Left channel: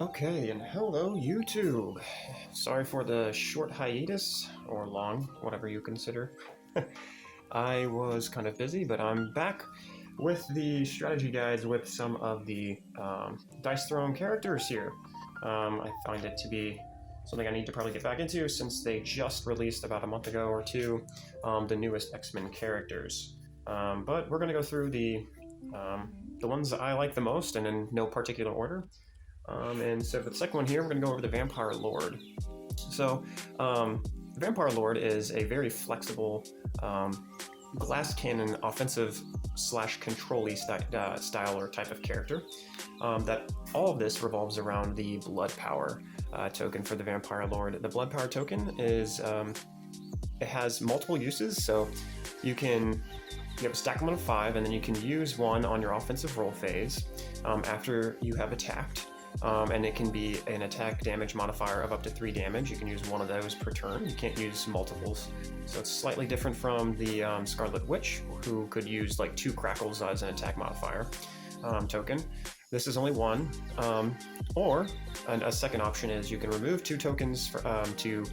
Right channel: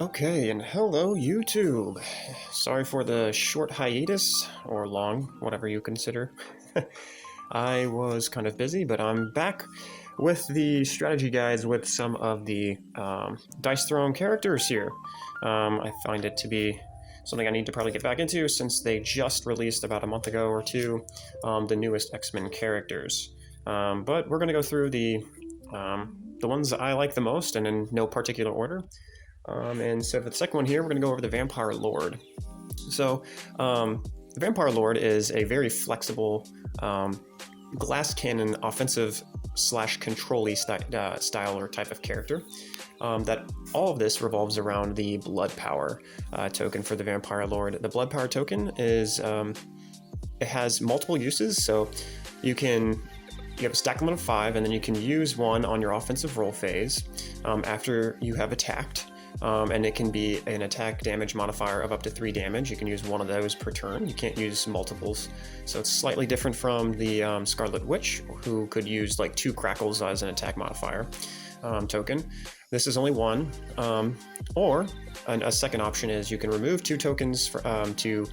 Okay, and hello YouTube. Sorry for the short hiatus, or long, whatever you consider. I was kind of busy, but I'm back with the strategy guides with some of the Dice Throne characters here. I find it to be something I need to probably get back into since they just released about a month ago or two the newest X-Men characters. But we're going to go through the ones that I like the most and in no particular order. And so for the second one here, we're going to go over the Vampire Lord. So the Vampire Lord is a very flexible glass cannon offensive slash control-y style or type of character. That all of this revolves around the Blood Power token for the Vampire Lord. The Blood Power token is it has multiple uses, so you have a stack limit of 5, and then you can use one on your offensive roll phase after you have attacked. And it can be an attack damage modifier of up to 3 damage. You can use one of those per turn. You can't use multiples. So it's slightly different from the Scarlet Witch, who could use like 2 crackles as an attack modifier token. This is only one. Or a second option is you can remove 2 tokens to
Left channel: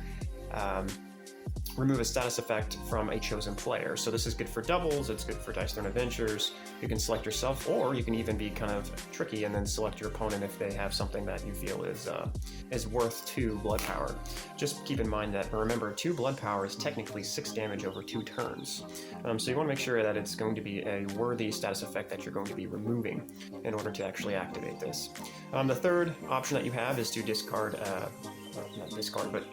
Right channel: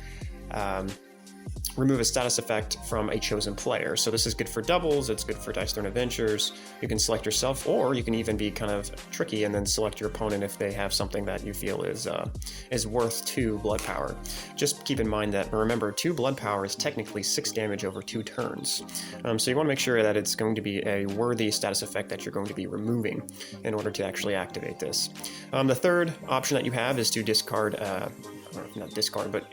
remove a status effect from a chosen player. So this is good for doubles, it's good for Dice Throne Adventures. You can select yourself, or you can even be kind of tricky and then select your opponent if they have something that you feel is worth 2 blood power. Just keep in mind that, remember, 2 blood power is technically 6 damage over 2 turns. So you want to make sure that it's going to be a worthy status effect that you're going to be removing in order to actually activate this. The third option that you have is to discard, not discard, but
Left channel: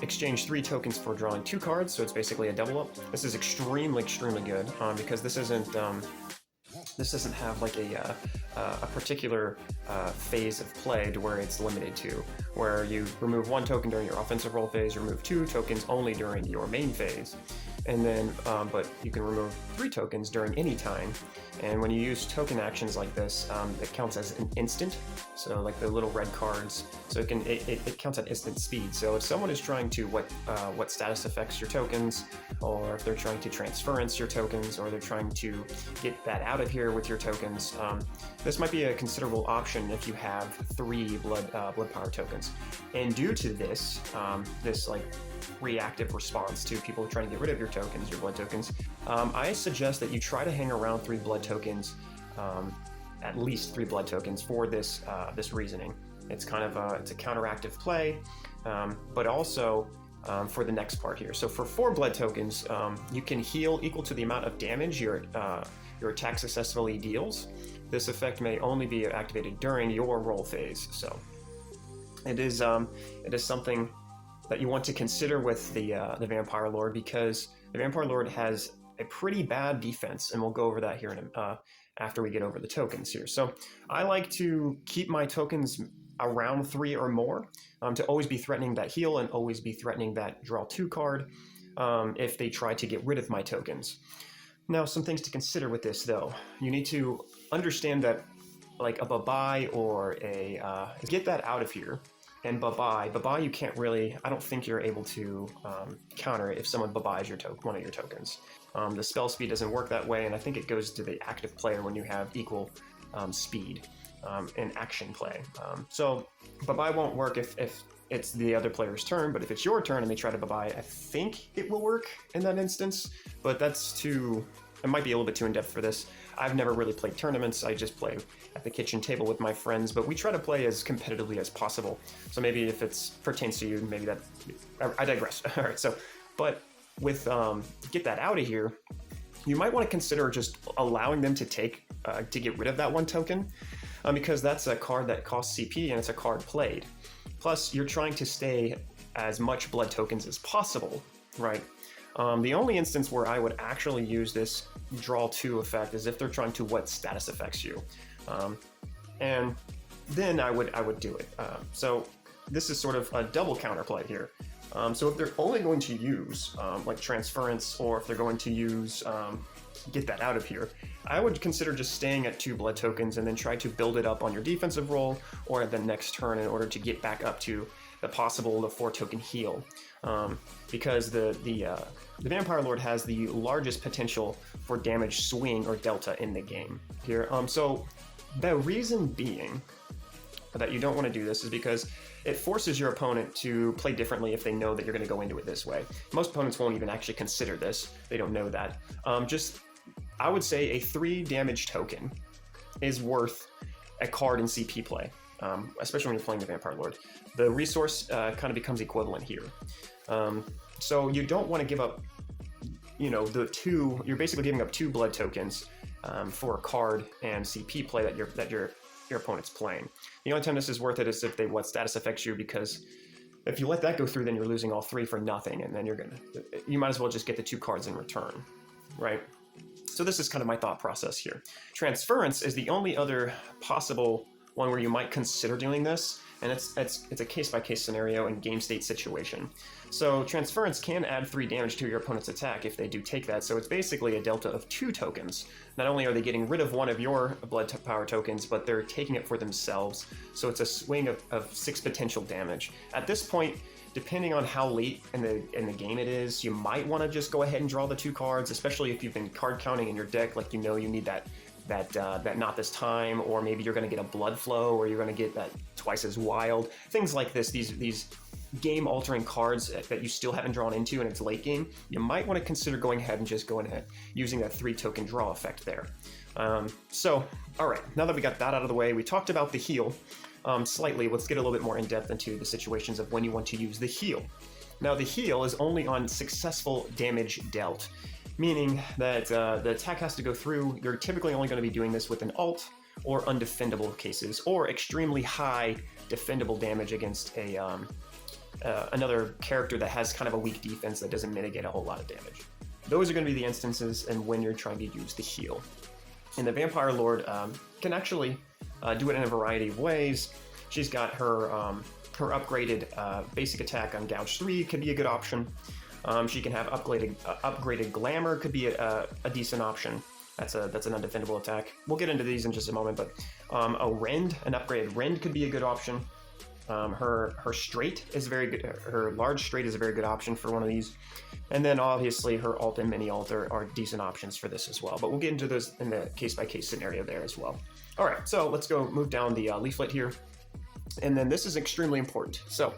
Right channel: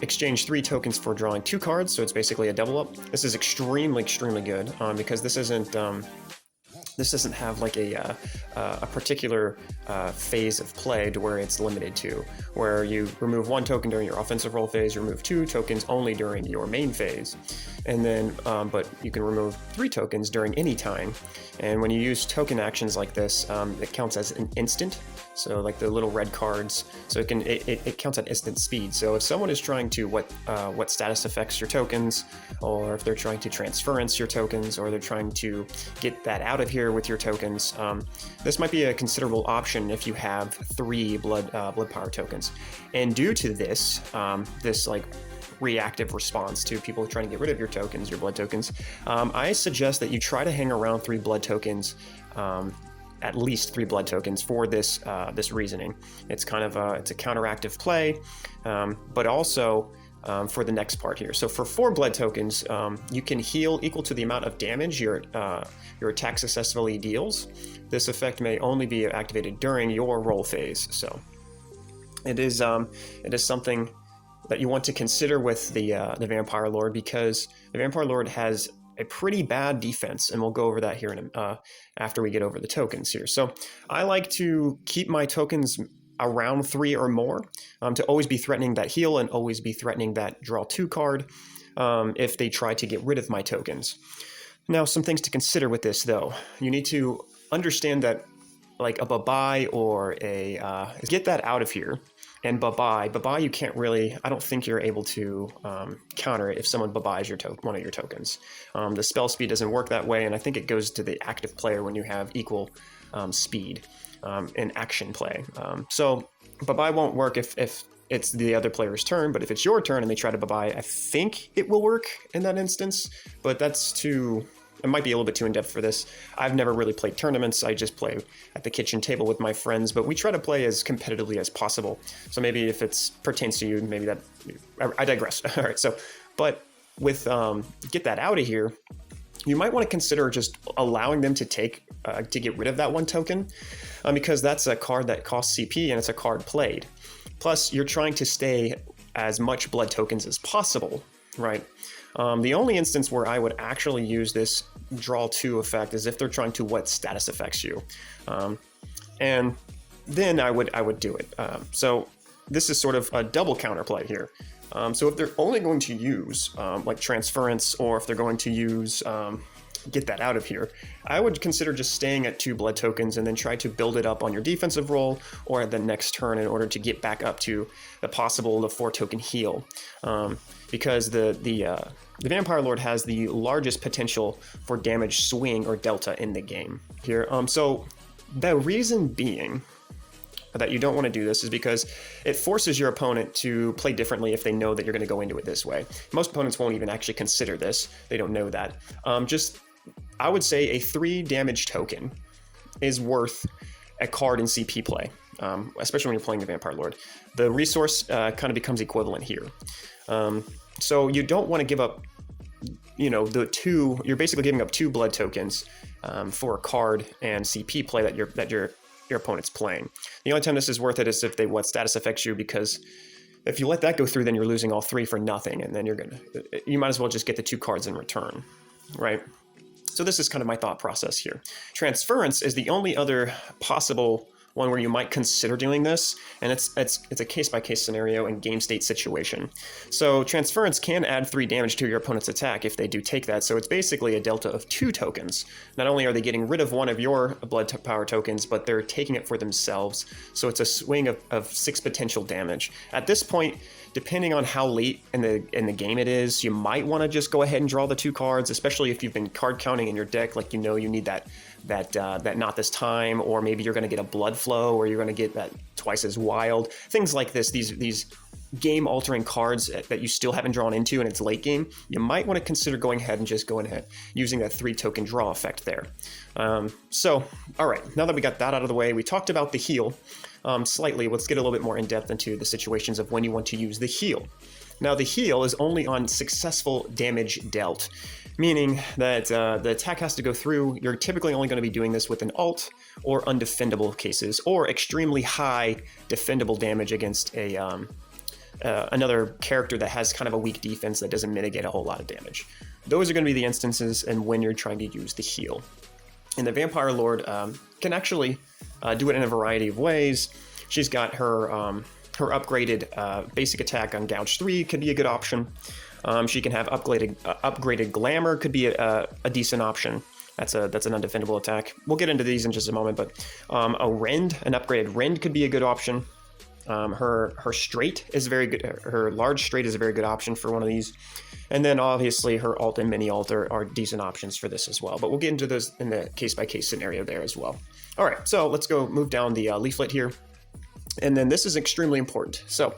exchange 3 tokens for drawing 2 cards, so it's basically a double up. This is extremely good because this doesn't have like a particular phase of play to where it's limited to, where you remove 1 token during your offensive roll phase, remove 2 tokens only during your main phase, and then but you can remove 3 tokens during any time. And when you use token actions like this, it counts as an instant. So like the little red cards, so it counts at instant speed. So if someone is trying to what status affects your tokens, or if they're trying to transference your tokens, or they're trying to get that out of here with your tokens, this might be a considerable option if you have 3 blood power tokens. And due to this, this like reactive response to people trying to get rid of your tokens, your blood tokens, I suggest that you try to hang around 3 blood tokens, at least 3 blood tokens for this this reasoning. It's kind of it's a counteractive play, but also for the next part here. So for 4 blood tokens, you can heal equal to the amount of damage your attack successfully deals. This effect may only be activated during your roll phase. So it is something that you want to consider with the Vampire Lord, because the Vampire Lord has a pretty bad defense, and we'll go over that here after we get over the tokens here. So I like to keep my tokens around 3 or more, to always be threatening that heal and always be threatening that draw 2 card if they try to get rid of my tokens. Now, some things to consider with this, though. You need to understand that like a Babai or a get that out of here. And Babai, you can't really, I don't think you're able to counter it if someone Babai's one of your tokens. The spell speed doesn't work that way, and I think it goes to the active player when you have equal speed in action play. So Babai won't work if it's the other player's turn, but if it's your turn and they try to Babai, I think it will work in that instance, but it might be a little bit too in-depth for this. I've never really played tournaments. I just play at the kitchen table with my friends, but we try to play as competitively as possible. So maybe if it pertains to you, maybe that... I digress. All right, so... But with get that out of here, you might want to consider just allowing them to get rid of that 1 token, because that's a card that costs CP and it's a card played. Plus, you're trying to stay as much blood tokens as possible, right? The only instance where I would actually use this draw 2 effect is if they're trying to what status affects you, and then I would do it. So this is sort of a double counterplay here. So if they're only going to use like transference, or if they're going to use get that out of here, I would consider just staying at 2 blood tokens and then try to build it up on your defensive roll or the next turn in order to get back up to the 4 token heal, because the Vampire Lord has the largest potential for damage swing or delta in the game here. So the reason being that you don't want to do this is because it forces your opponent to play differently if they know that you're going to go into it this way. Most opponents won't even actually consider this. They don't know that. I would say a 3 damage token is worth a card in CP play, especially when you're playing the Vampire Lord. The resource kind of becomes equivalent here. So you don't want to give up, you're basically giving up 2 blood tokens for a card and CP play that your opponent's playing. The only time this is worth it is if they what status affects you, because if you let that go through, then you're losing all 3 for nothing, and then you might as well just get the 2 cards in return, right? So this is kind of my thought process here. Transference is the only other possible one where you might consider doing this, and it's a case-by-case scenario and game state situation. So transference can add 3 damage to your opponent's attack if they do take that, so it's basically a delta of 2 tokens. Not only are they getting rid of one of your blood power tokens, but they're taking it for themselves, so it's a swing of 6 potential damage. At this point, depending on how late in the game it is, you might want to just go ahead and draw the 2 cards, especially if you've been card counting in your deck, like you need that not this time, or maybe you're going to get a blood flow, or you're going to get that twice as wild, things like this. These game altering cards that you still haven't drawn into and it's late game, you might want to consider going ahead and just going ahead using that 3 token draw effect there. So all right, now that we got that out of the way, we talked about the heal slightly. Let's get a little bit more in depth into the situations of when you want to use the heal. Now the heal is only on successful damage dealt, meaning that the attack has to go through. You're typically only going to be doing this with an alt or undefendable cases, or extremely high defendable damage against another character that has kind of a weak defense that doesn't mitigate a whole lot of damage. Those are going to be the instances and when you're trying to use the heal. And the Vampire Lord can actually do it in a variety of ways. She's got her upgraded basic attack on Gouge 3 could be a good option. She can have upgraded Glamour, could be a decent option. That's an undefendable attack. We'll get into these in just a moment, but a Rend, an upgraded Rend could be a good option. Her straight is very good. Her large straight is a very good option for one of these. And then obviously her alt and mini alt are decent options for this as well. But we'll get into those in the case-by-case scenario there as well. All right, so let's go move down the leaflet here. And then this is extremely important. So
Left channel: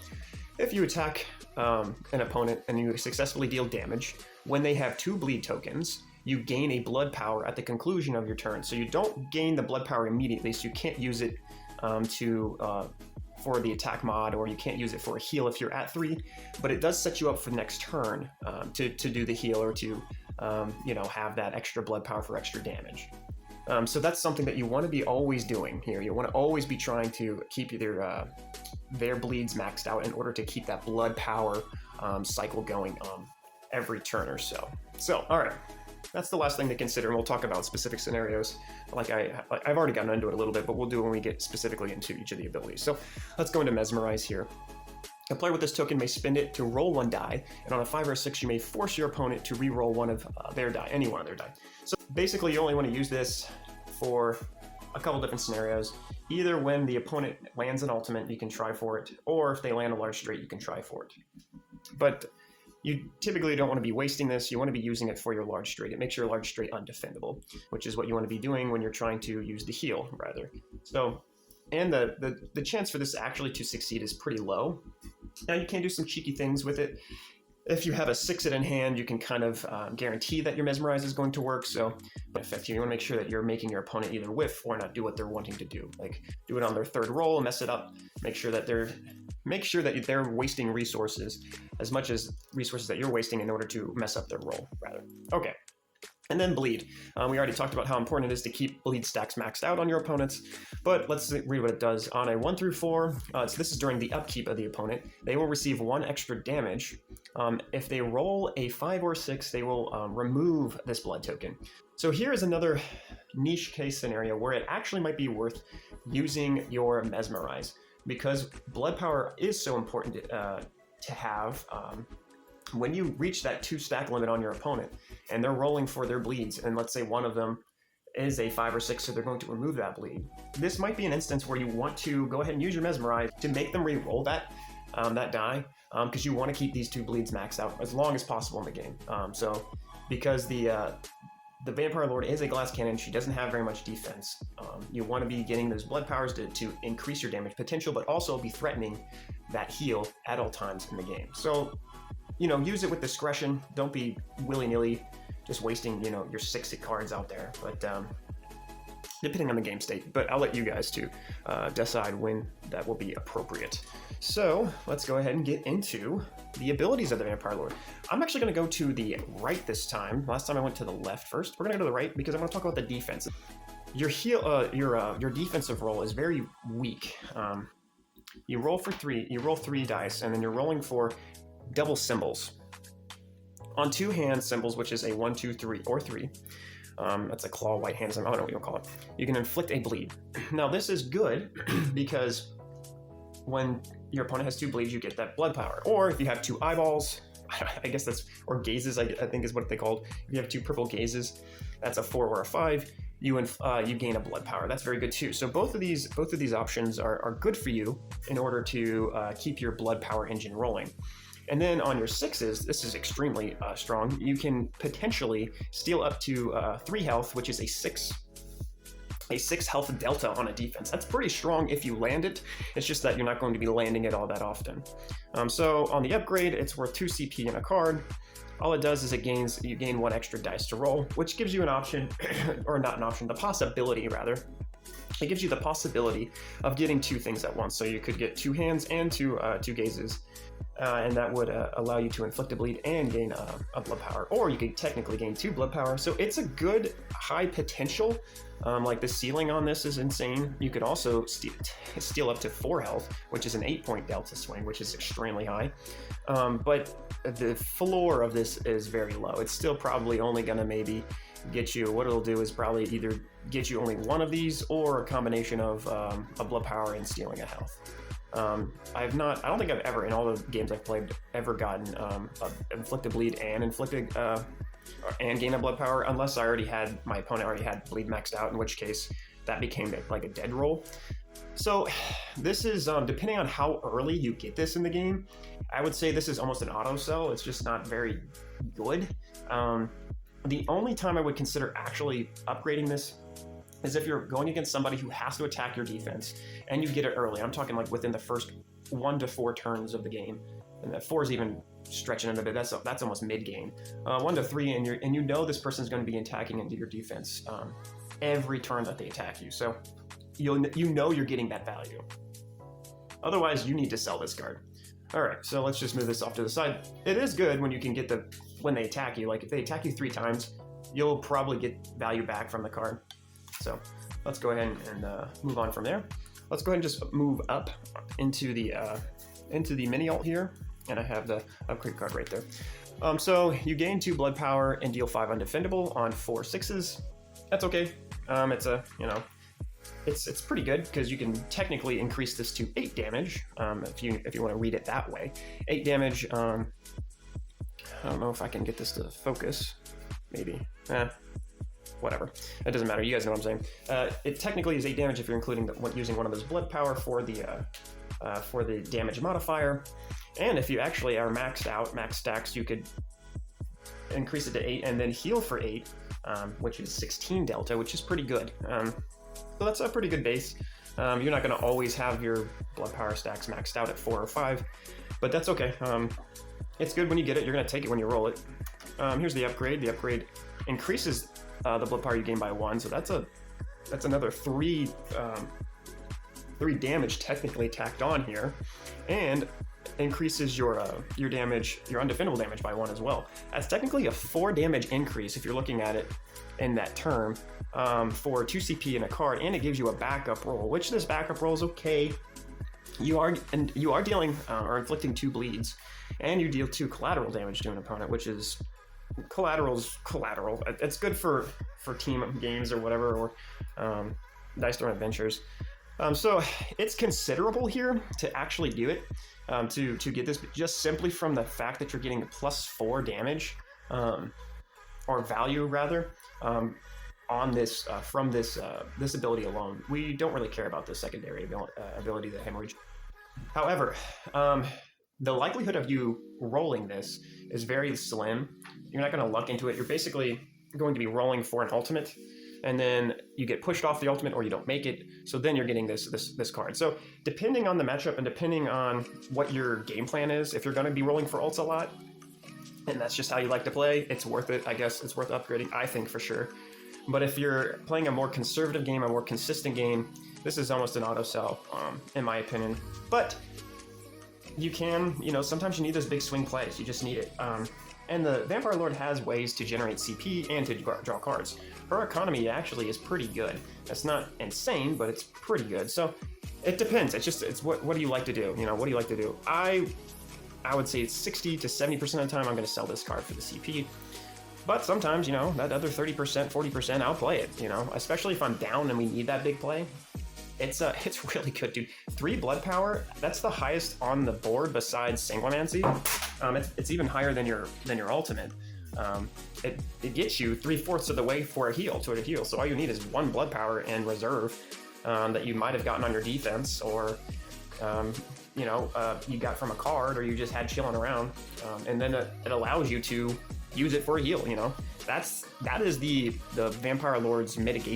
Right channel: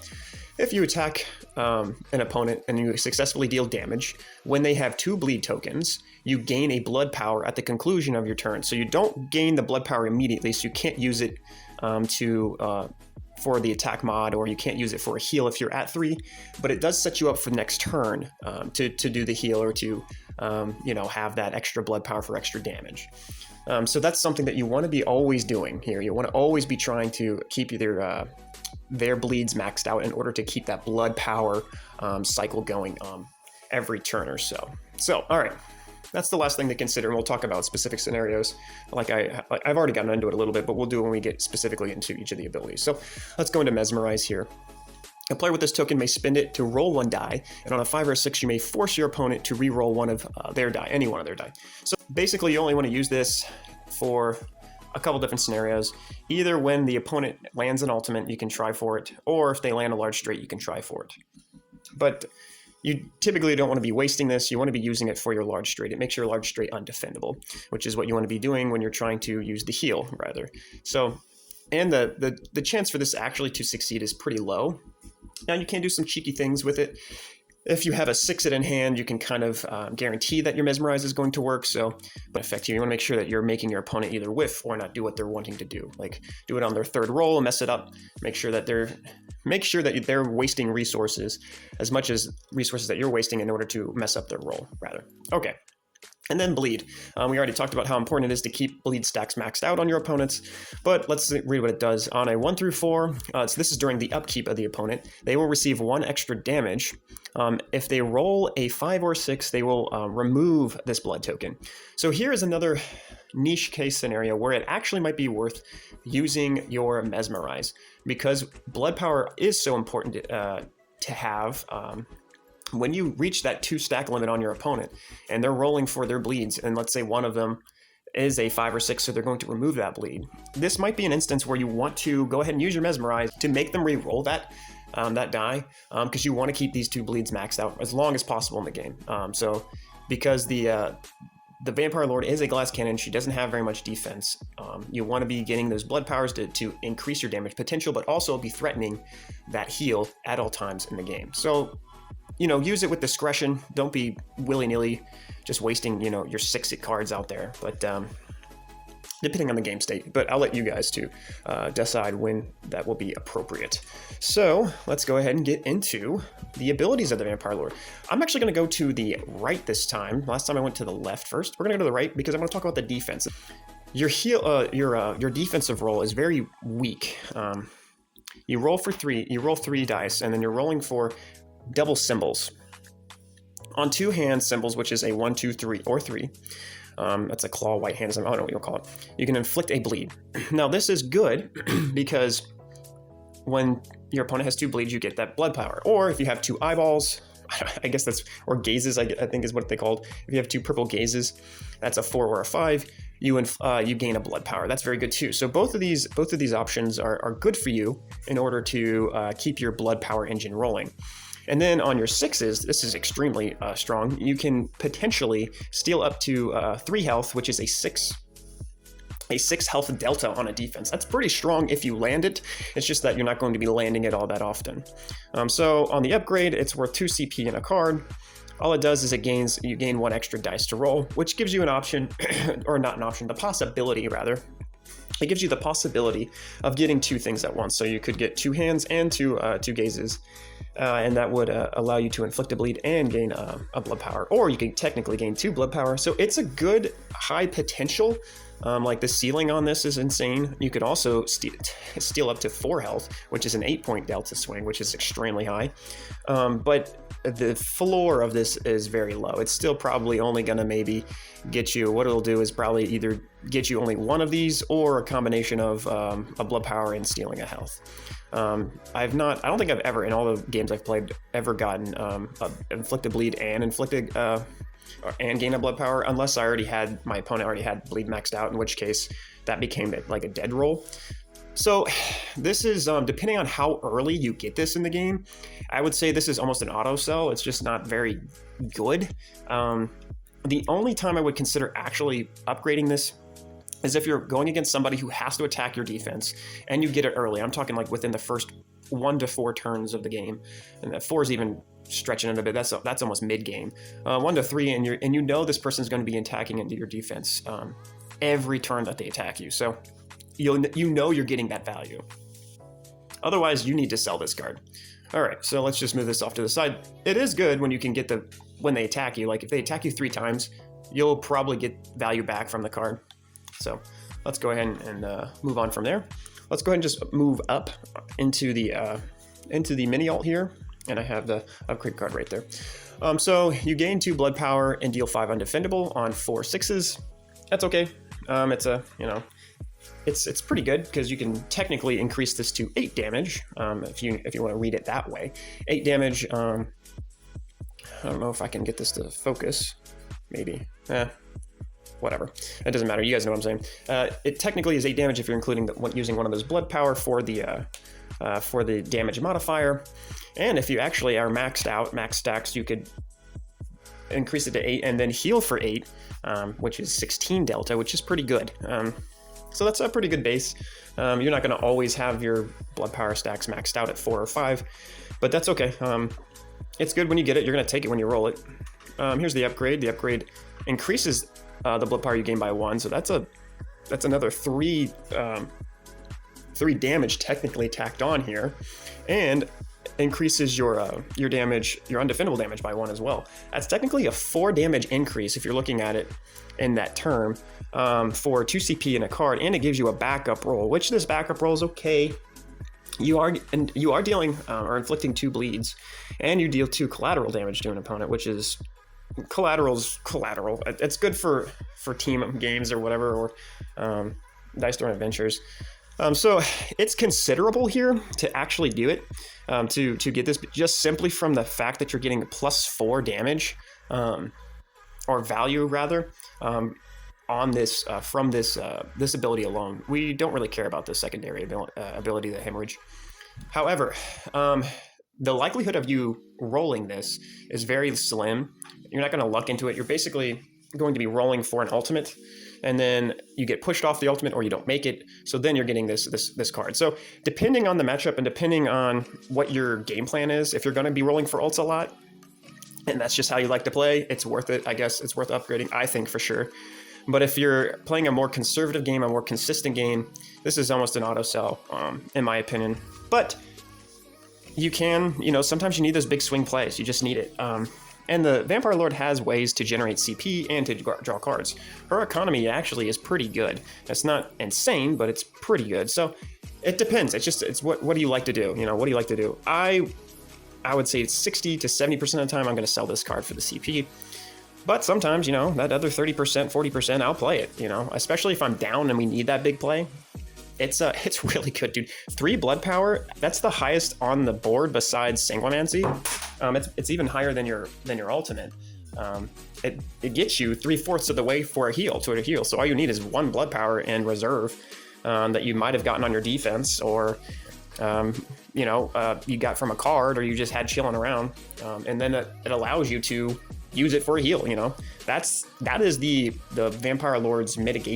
if you attack an opponent and you successfully deal damage, when they have 2 bleed tokens, you gain a blood power at the conclusion of your turn. So you don't gain the blood power immediately, so you can't use it for the attack mod, or you can't use it for a heal if you're at 3, but it does set you up for the next turn to do the heal, or to have that extra blood power for extra damage. So that's something that you want to be always doing here. You want to always be trying to keep their bleeds maxed out in order to keep that blood power cycle going every turn or so. So, all right, that's the last thing to consider, and we'll talk about specific scenarios. I've already gotten into it a little bit, but we'll do it when we get specifically into each of the abilities. So let's go into Mesmerize here. A player with this token may spend it to roll 1 die, and on a 5 or a 6, you may force your opponent to re-roll one of their die, any one of their die. So basically, you only want to use this for a couple different scenarios. Either when the opponent lands an ultimate, you can try for it, or if they land a large straight, you can try for it. But you typically don't want to be wasting this. You want to be using it for your large straight. It makes your large straight undefendable, which is what you want to be doing when you're trying to use the heal, rather. So, and the chance for this actually to succeed is pretty low. Now, you can do some cheeky things with it. If you have a 6-it in hand, you can kind of guarantee that your Mesmerize is going to work. So, but effectively, you want to make sure that you're making your opponent either whiff or not do what they're wanting to do. Like, do it on their 3rd roll, mess it up, make sure that they're wasting resources as much as resources that you're wasting in order to mess up their roll, rather. Okay. And then bleed. We already talked about how important it is to keep bleed stacks maxed out on your opponents, but let's read what it does. On a 1 through 4, so this is during the upkeep of the opponent, they will receive 1 extra damage. If they roll a 5 or 6, they will remove this blood token. So here is another niche case scenario where it actually might be worth using your Mesmerize, because blood power is so important to have. When you reach that 2 stack limit on your opponent and they're rolling for their bleeds, and let's say one of them is a 5 or 6, so they're going to remove that bleed, this might be an instance where you want to go ahead and use your Mesmerize to make them re-roll that die, because you want to keep these 2 bleeds maxed out as long as possible in the game. So because the the Vampire Lord is a glass cannon. She doesn't have very much defense. You want to be getting those blood powers to increase your damage potential, but also be threatening that heal at all times in the game. So, use it with discretion. Don't be willy-nilly just wasting, your 6 cards out there. But depending on the game state, but I'll let you guys to decide when that will be appropriate. So let's go ahead and get into the abilities of the Vampire Lord. I'm actually going to go to the right this time. Last time I went to the left first. We're going to go to the right because I want to talk about the defense. Your defensive roll is very weak. You roll 3 dice, and then you're rolling for double symbols. On 2 hand symbols, which is a 1, 2, 3, or 3. That's a claw, white hand, I don't know what you'll call it. You can inflict a bleed. Now this is good because when your opponent has 2 bleeds, you get that blood power. Or if you have 2 eyeballs, I guess or gazes, I think is what they called. If you have 2 purple gazes, that's a 4 or a 5. You gain a blood power. That's very good too. So both of these options are good for you in order to keep your blood power engine rolling. And then on your 6s, this is extremely strong. You can potentially steal up to 3 health, which is a 6 health delta on a defense. That's pretty strong if you land it. It's just that you're not going to be landing it all that often. So on the upgrade, it's worth 2 CP in a card. All it does is you gain 1 extra dice to roll, which gives you an option, or not an option, the possibility rather. It gives you the possibility of getting 2 things at once. So you could get 2 hands and 2 gazes, and that would allow you to inflict a bleed and gain a blood power. Or you can technically gain 2 blood power. So it's a good high potential. Like the ceiling on this is insane. You could also steal up to 4 health, which is an 8-point delta swing, which is extremely high. But the floor of this is very low. It's still probably only going to maybe get you, what it'll do is probably either get you only 1 of these or a combination of a blood power and stealing a health. I don't think I've ever, in all the games I've played, ever gotten inflicted bleed and inflicted and gain a blood power, unless my opponent already had bleed maxed out, in which case that became like a dead roll. So this is, depending on how early you get this in the game, I would say this is almost an auto sell. It's just not very good. The only time I would consider actually upgrading this is if you're going against somebody who has to attack your defense and you get it early. I'm talking like within the first 1 to 4 turns of the game, and that 4 is even stretching it a bit. That's almost mid game. 1 to 3, and you know this person's going to be attacking into your defense every turn that they attack you. So you know you're getting that value. Otherwise, you need to sell this card. All right, so let's just move this off to the side. It is good when you can get when they attack you. Like if they attack you 3 times, you'll probably get value back from the card. So let's go ahead and move on from there. Let's go ahead and just move up into the mini alt here, and I have the upgrade card right there. So you gain 2 blood power and deal 5 undefendable on 4 6s. That's okay. It's pretty good because you can technically increase this to 8 damage if you want to read it that way. 8 damage. I don't know if I can get this to focus. Maybe. Whatever. It doesn't matter. You guys know what I'm saying. It technically is 8 damage if you're including using one of those blood power for the damage modifier. And if you actually are maxed out, max stacks, you could increase it to 8 and then heal for 8, which is 16 delta, which is pretty good. So that's a pretty good base. You're not going to always have your blood power stacks maxed out at 4 or 5, but that's okay. It's good when you get it. You're going to take it when you roll it. Here's the upgrade. The upgrade increases the blood power you gain by 1, so that's another 3 damage technically tacked on here, and increases your damage, your undefendable damage by 1 as well. That's technically a 4 damage increase if you're looking at it in that term, for 2 CP in a card, and it gives you a backup roll, which this backup roll is okay. You are dealing or inflicting 2 bleeds, and you deal 2 collateral damage to an opponent, which is collateral. It's good for team games or whatever, or Dice Throne Adventures. So it's considerable here to actually do it, to get this, just simply from the fact that you're getting +4 damage, or value rather, on this from this ability alone. We don't really care about the secondary ability, the hemorrhage. However, the likelihood of you rolling this is very slim. You're not going to luck into it. You're basically going to be rolling for an ultimate, and then you get pushed off the ultimate or you don't make it. So then you're getting this card. So depending on the matchup and depending on what your game plan is, if you're going to be rolling for ults a lot, and that's just how you like to play, it's worth it. I guess it's worth upgrading, I think, for sure. But if you're playing a more conservative game, a more consistent game, this is almost an auto sell, in my opinion. But you can, sometimes you need those big swing plays. You just need it. And the Vampire Lord has ways to generate CP and to draw cards. Her economy actually is pretty good. It's not insane, but it's pretty good. So it depends. It's what do you like to do? What do you like to do? I would say 60 to 70% of the time I'm going to sell this card for the CP. But sometimes, that other 30%, 40%, I'll play it, especially if I'm down and we need that big play. It's really good, dude. 3 blood power, that's the highest on the board besides Sanguinancy. It's even higher than your ultimate. It gets you 3/4 of the way for a heal, So all you need is 1 blood power and reserve that you might have gotten on your defense, or you got from a card, or you just had chilling around, and then it allows you to use it for a heal. That is the Vampire Lord's damage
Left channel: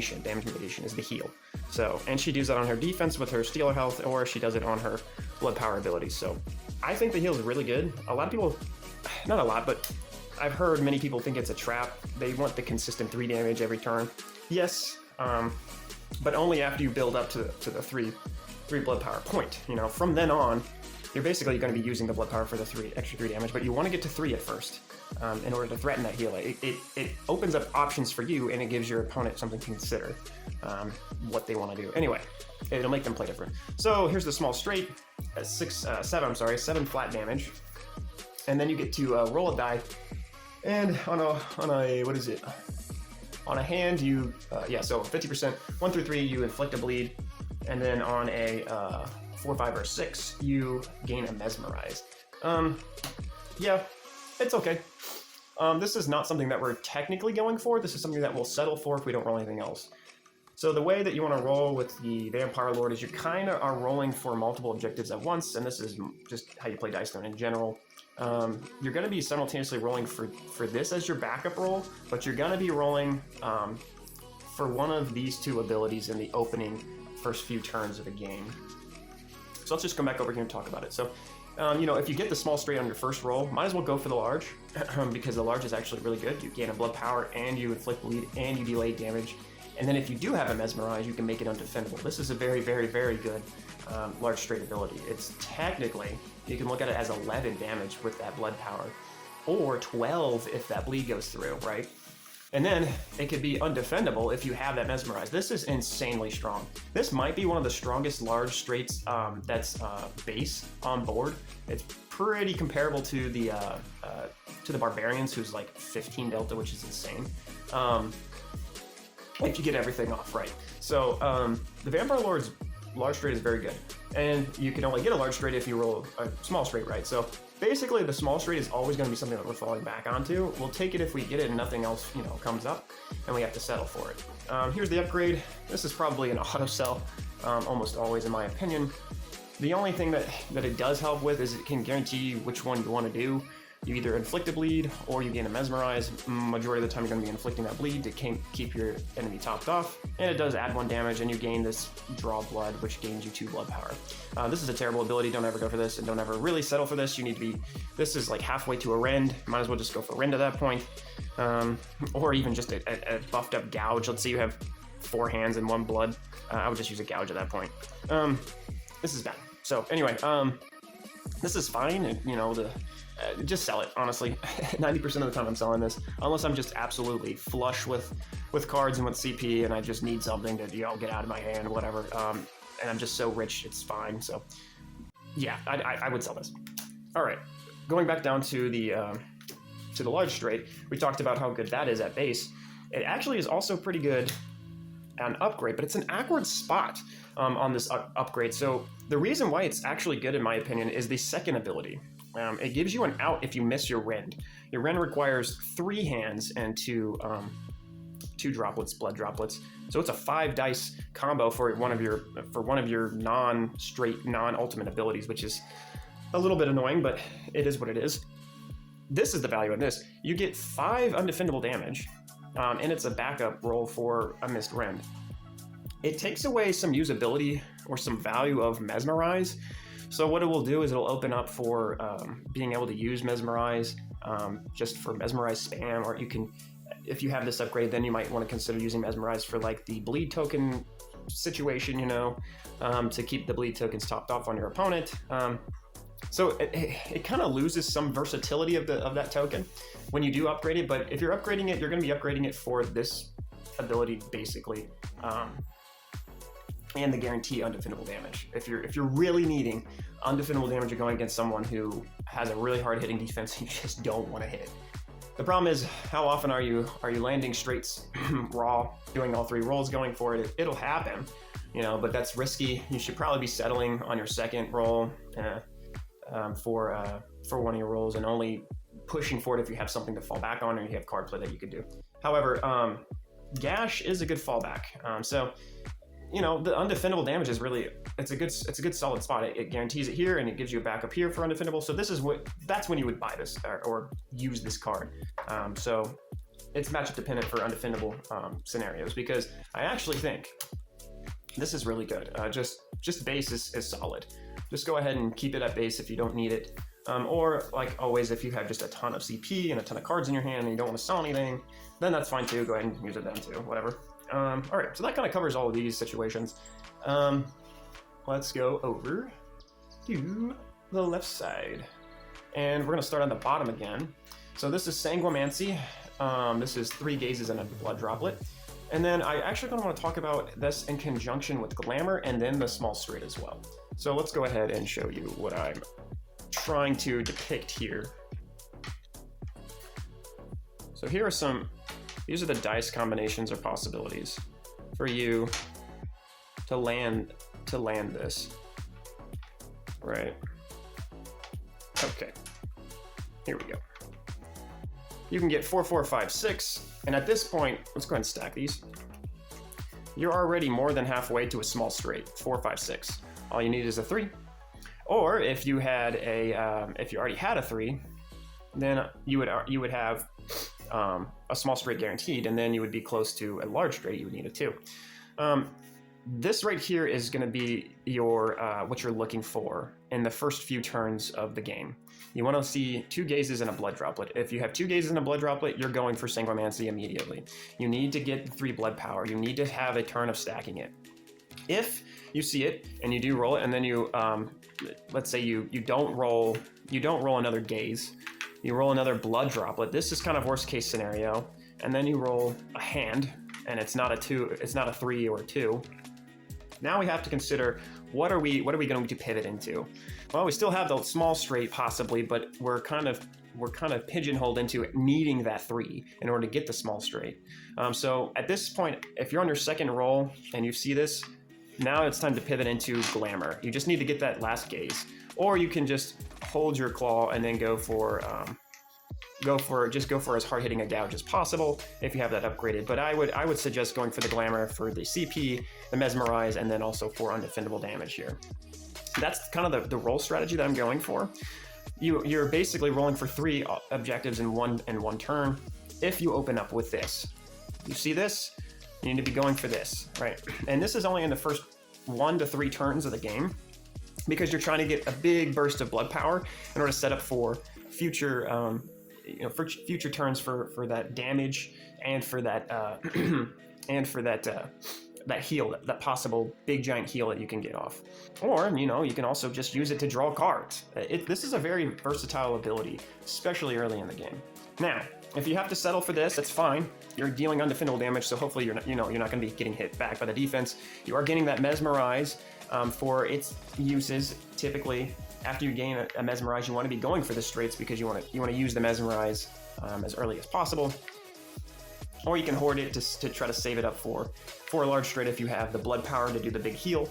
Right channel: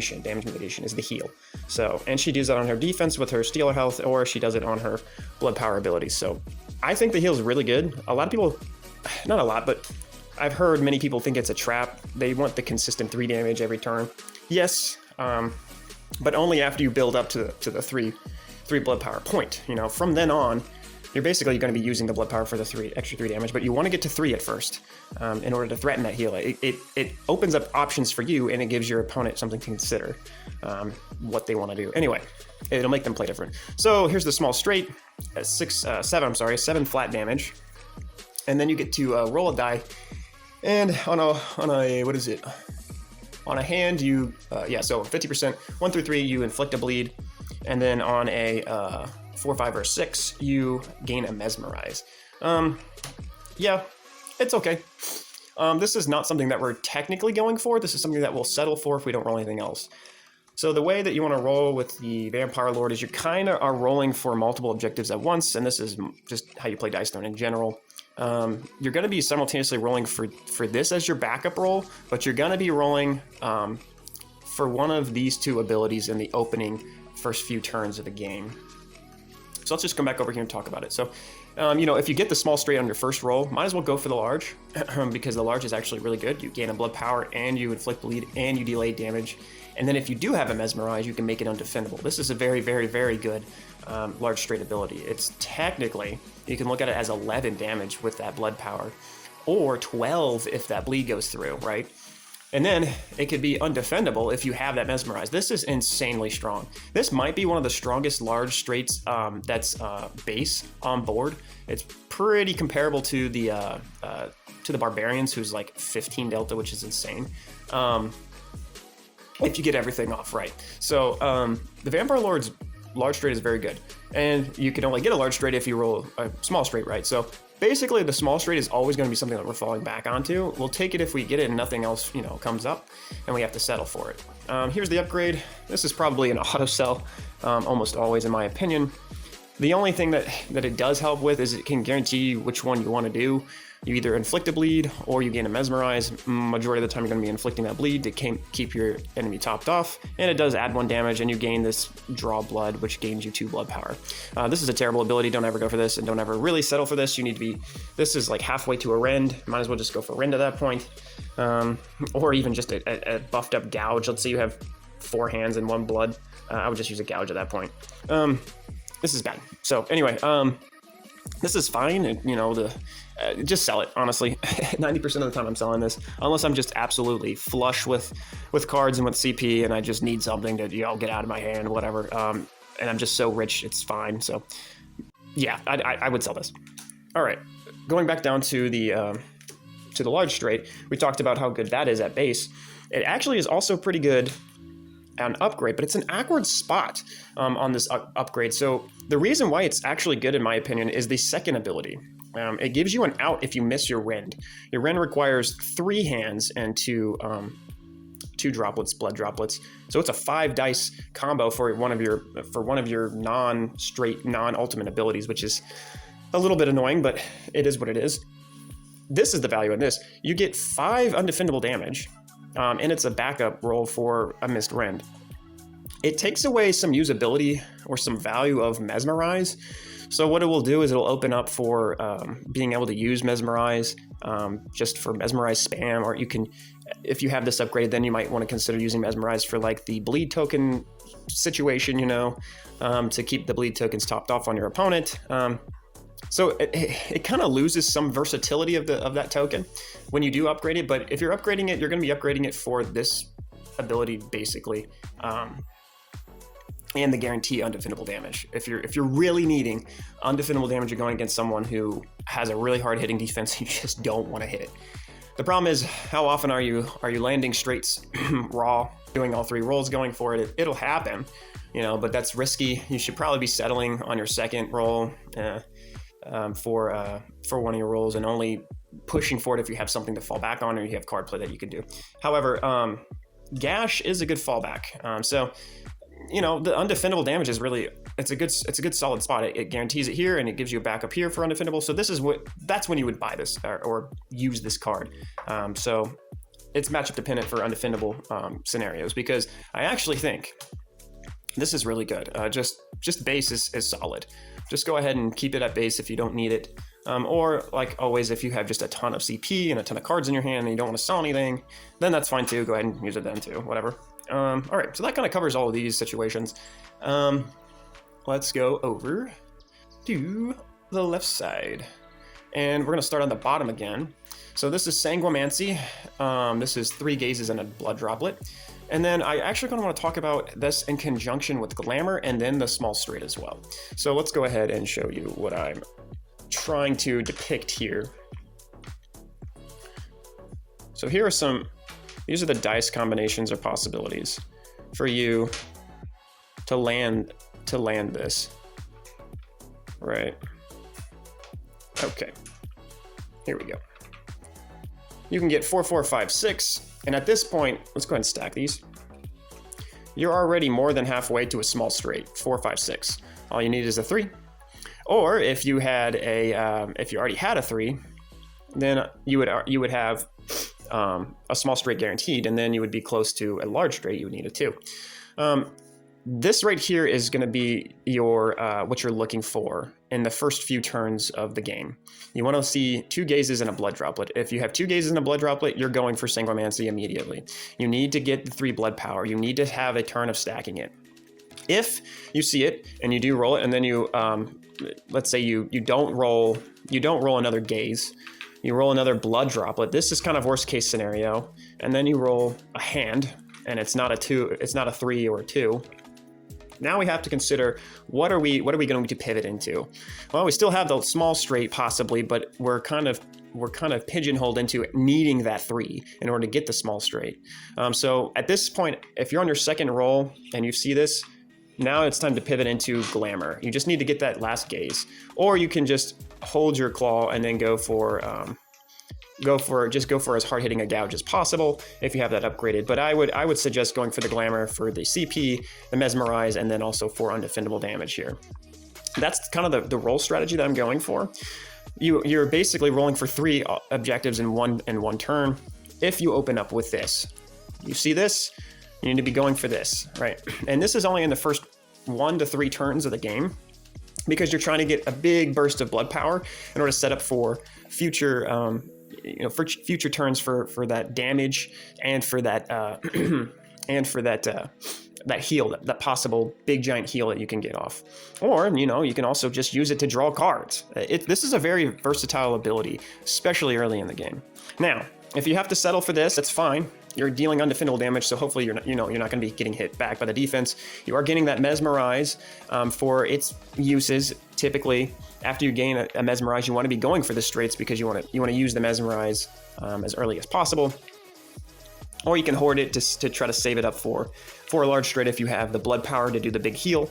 mitigation is the heal. So, and she does that on her defense with her stealer health, or she does it on her blood power abilities. So I think the heal is really good. A lot of people, not a lot, but I've heard many people think it's a trap. They want the consistent 3 damage every turn. Yes, but only after you build up to the 3 blood power point. From then on, you're basically going to be using the blood power for the extra 3 damage, but you want to get to 3 at first in order to threaten that heal. It opens up options for you, and it gives your opponent something to consider what they want to do. Anyway, it'll make them play different. So here's the small straight, 7 flat damage, and then you get to roll a die, and on a what is it? On a hand, you so 50%, 1 through 3, you inflict a bleed, and then on a 4, 5, or 6, you gain a mesmerize. It's okay. This is not something that we're technically going for. This is something that we'll settle for if we don't roll anything else. So the way that you want to roll with the Vampire Lord is you kind of are rolling for multiple objectives at once, and this is just how you play Dice Throne in general. You're going to be simultaneously rolling for this as your backup roll, but you're going to be rolling for one of these 2 abilities in the opening first few turns of the game. So let's just come back over here and talk about it. So, if you get the small straight on your first roll, might as well go for the large because the large is actually really good. You gain a blood power, and you inflict bleed, and you delay damage. And then if you do have a mesmerize, you can make it undefendable. This is a very, very, very good large straight ability. It's technically, you can look at it as 11 damage with that blood power, or 12 if that bleed goes through, right? And then it could be undefendable if you have that mesmerize. This is insanely strong. This might be one of the strongest large straights that's base on board. It's pretty comparable to the Barbarians, who's like 15 delta, which is insane. If you get everything off right. So the Vampire Lord's large straight is very good, and you can only get a large straight if you roll a small straight right. So basically, the small straight is always going to be something that we're falling back onto. We'll take it if we get it and nothing else, comes up, and we have to settle for it. Here's the upgrade. This is probably an auto sell, almost always, in my opinion. The only thing that it does help with is it can guarantee which one you want to do. You either inflict a bleed or you gain a mesmerize. Majority of the time, you're going to be inflicting that bleed to keep your enemy topped off, and it does add 1 damage, and you gain this draw blood, which gains you 2 blood power. This is a terrible ability. Don't ever go for this, and don't ever really settle for this. You need to be. This is like halfway to a rend. Might as well just go for rend at that point, or even just a buffed up gouge. Let's say you have 4 hands and 1 blood. I would just use a gouge at that point. This is bad. So anyway, this is fine. Just sell it, honestly. 90% of the time I'm selling this, unless I'm just absolutely flush with cards and with CP, and I just need something to get out of my hand, whatever. And I'm just so rich, it's fine. So yeah, I would sell this. All right, going back down to the large straight, we talked about how good that is at base. It actually is also pretty good an upgrade, but it's an awkward spot on this upgrade. So the reason why it's actually good, in my opinion, is the second ability. It gives you an out if you miss your rend. Your rend requires 3 hands and 2 droplets, blood droplets. So it's a 5 dice combo for one of your non-straight, non-ultimate abilities, which is a little bit annoying, but it is what it is. This is the value in this. You get 5 undefendable damage, and it's a backup roll for a Mist Rend. It takes away some usability or some value of Mesmerize. So what it will do is it'll open up for being able to use Mesmerize just for Mesmerize spam, or you can, if you have this upgrade, then you might want to consider using Mesmerize for like the bleed token situation, you know, to keep the bleed tokens topped off on your opponent. So it kind of loses some versatility of that token when you do upgrade it. But if you're upgrading it, you're going to be upgrading it for this ability basically, and the guarantee undefendable damage. If you're really needing undefendable damage, you're going against someone who has a really hard hitting defense, you just don't want to hit it. The problem is, how often are you landing straights raw, doing all 3 rolls, going for it? It'll happen, you know, but that's risky. You should probably be settling on your second roll for one of your rolls, and only pushing for it if you have something to fall back on or you have card play that you can do. However, Gash is a good fallback. So, you know, the undefendable damage is really, it's a good solid spot. It guarantees it here, and it gives you a backup here for undefendable. So that's when you would buy this or use this card. So it's matchup dependent for undefendable scenarios, because I actually think this is really good. Just base is solid. Just go ahead and keep it at base if you don't need it. Or like always, if you have just a ton of CP and a ton of cards in your hand and you don't want to sell anything, then that's fine too. Go ahead and use it then too, whatever. All right, so that kind of covers all of these situations. Let's go over to the left side, and we're gonna start on the bottom again. So this is Sanguimancy. This is 3 gazes and a blood droplet. And then I actually kind of want to talk about this in conjunction with Glamour and then the small straight as well. So let's go ahead and show you what I'm trying to depict here. So here are these are the dice combinations or possibilities for you to land this, right? Okay, here we go. You can get 4, 4, 5, 6, and at this point, let's go ahead and stack these. You're already more than halfway to a small straight, 4, 5, 6. All you need is a 3. Or if you had if you already had a 3, then you would have a small straight guaranteed, and then you would be close to a large straight. You would need a 2. This right here is going to be your what you're looking for in the first few turns of the game. You want to see 2 gazes and a blood droplet. If you have 2 gazes and a blood droplet, you're going for Sanguimancy immediately. You need to get the 3 blood power. You need to have a turn of stacking it. If you see it and you do roll it, and then you let's say you don't roll another gaze, you roll another blood droplet. This is kind of worst case scenario, and then you roll a hand, and it's not a 2, it's not a 3 or a 2. Now we have to consider what are we going to pivot into? Well, we still have the small straight possibly, but we're kind of pigeonholed into needing that 3 in order to get the small straight. So at this point, if you're on your second roll and you see this, now it's time to pivot into Glamour. You just need to get that last gaze, or you can just hold your claw and then go for as hard hitting a gouge as possible if you have that upgraded. But I would suggest going for the Glamour for the CP, the Mesmerize, and then also for undefendable damage here. That's kind of the roll strategy that I'm going for. You're basically rolling for 3 objectives in one turn. If you open up with this, you see this, you need to be going for this, right? And this is only in the first 1 to 3 turns of the game, because you're trying to get a big burst of blood power in order to set up for future for future turns for that damage and for that that heal, that possible big giant heal that you can get off. Or you can also just use it to draw cards. This is a very versatile ability, especially early in the game. Now, if you have to settle for this, that's fine. You're dealing undefendable damage, so hopefully you're not going to be getting hit back by the defense. You are getting that Mesmerize for its uses. Typically, after you gain a Mesmerize, you want to be going for the straights because you want to use the Mesmerize as early as possible. Or you can hoard it to try to save it up for a large straight if you have the blood power to do the big heal.